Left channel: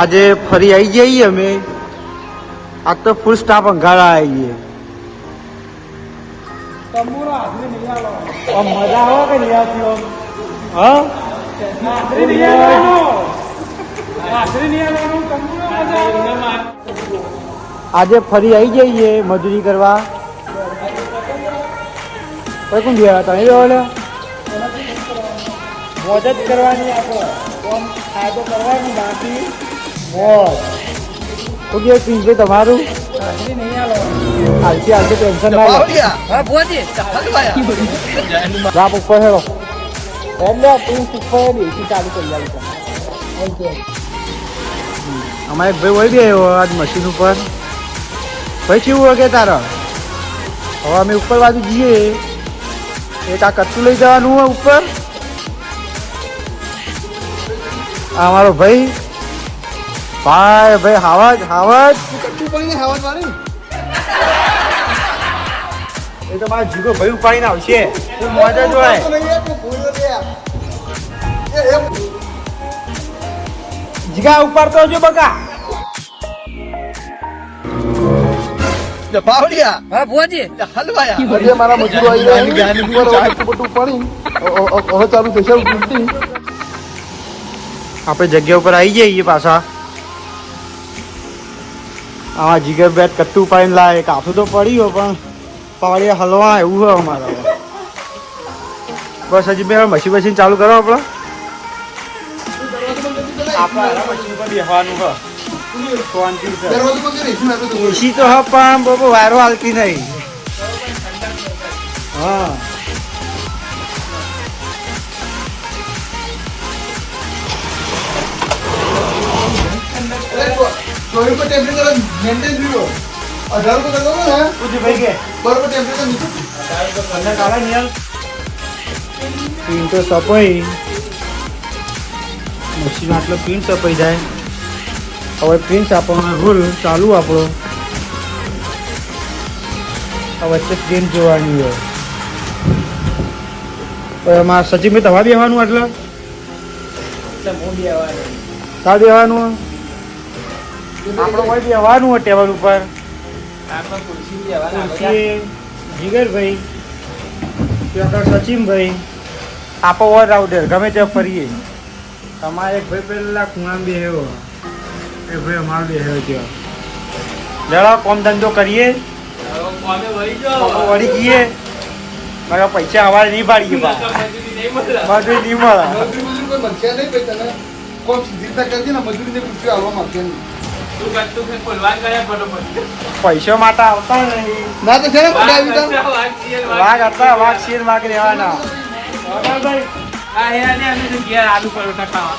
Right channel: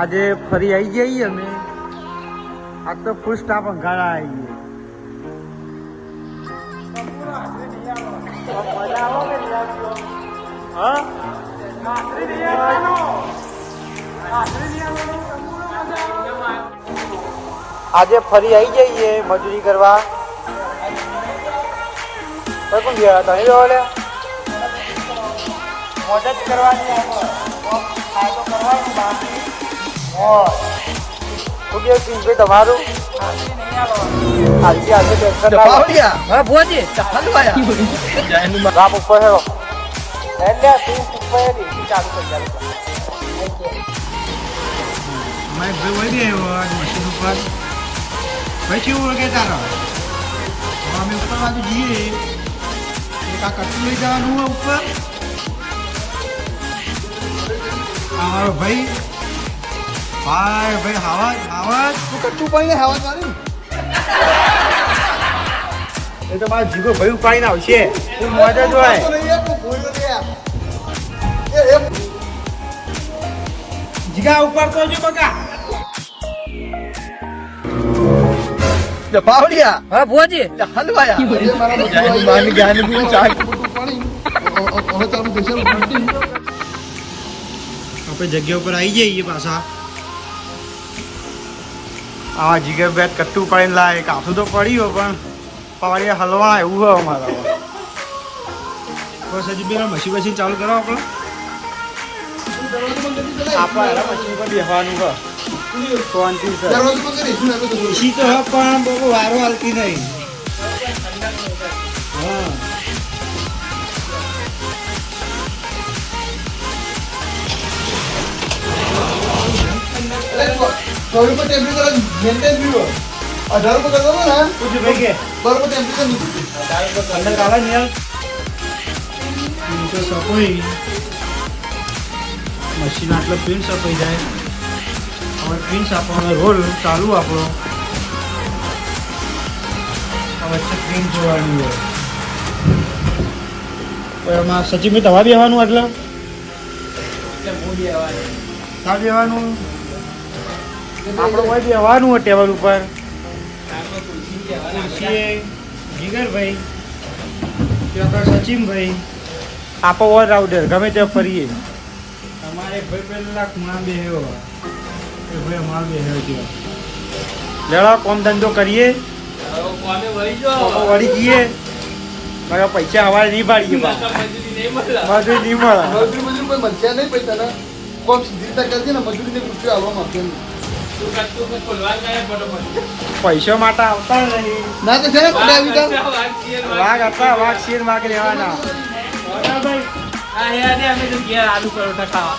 આજે ફરી આવી જઈએ અમે. આજ તો ફૂલ સ્ટાફ અંગારા આવીએ. મજા આવે કે નહીં આજે ફરી આવી જઈએ મજૂરી કરવા. કોણ જોયા હતા એ મોજ જ કરવાની. આપણે ફાયદો કરવાનું બાકી મોજ. તમારું અમારે એક ભાઈ હોય ગયો આજ મશીન ઉપર. ભાઈ શું હોય કે તારા હવે અમે ઉપર બાજુ જઈએ. એક આ કચ્છું લઈ જવાનું હોય ઉપર. અમારો ભાઈ ભાઈ હાવજ કચ્છું પાઈને હાવજ વાળી એ તો મારા જીગો ભાઈ ઉપાડીને આવશે. એ મોજ જ હોય. જીગા ઉપાડતો જો બકા. પાવડિયા હા ભુવાજી હલવાયા મારા મજૂરી ગાની બીજો ચાય બધું પડી હવે ચાલુ થશે. આપણે જગ્યા ઉપર આવી જઈએ પાછા. હા જીગર બેટ કટ્ટું પાડીને લાવે. કાઠું તો પડ્યું પણ પાવડિયા હલવાના એવું હોય અમારે. બસ હજી બે મશીન ચાલુ કરો. આપણે મશીન પર બેસવાનું હોય. એસી તો હા પણ બહુ વાયરો હાલતી નહીં. હા મશીન આટલો પ્રિન્ટ સપાઈ જાય. હવે પ્રિન્ટ આપવાનો રોલ ચાલુ આપણો. હવે સ્ક્રીન જોવાની હોય. મારા સચિન દવા બેવાનું એટલે તા બેવાનું આપણે હોય બેવાનું હોય ટેબલ ઉપર. જીગરભાઈ ત્યાં સચિનભાઈ આપો ઓર રાઉડર ગમે ત્યાં ફરીએ. તમારે એક ભાઈ પેલા ખૂણા બેહ્યો. એ ભાઈ અમારો બેહ્યો ત્યાં લેડો કોમ ધંધો કરીએ. વળી ગઈએ મારા પૈસા હવારે નહીં પાડીએ. મજૂરી નહીં મળે. પૈસા માટે આવતા નહીં. વાઘ હતા વાઘ શેર વાઘ રહેવાના. આલુ પરોઠા ખાવા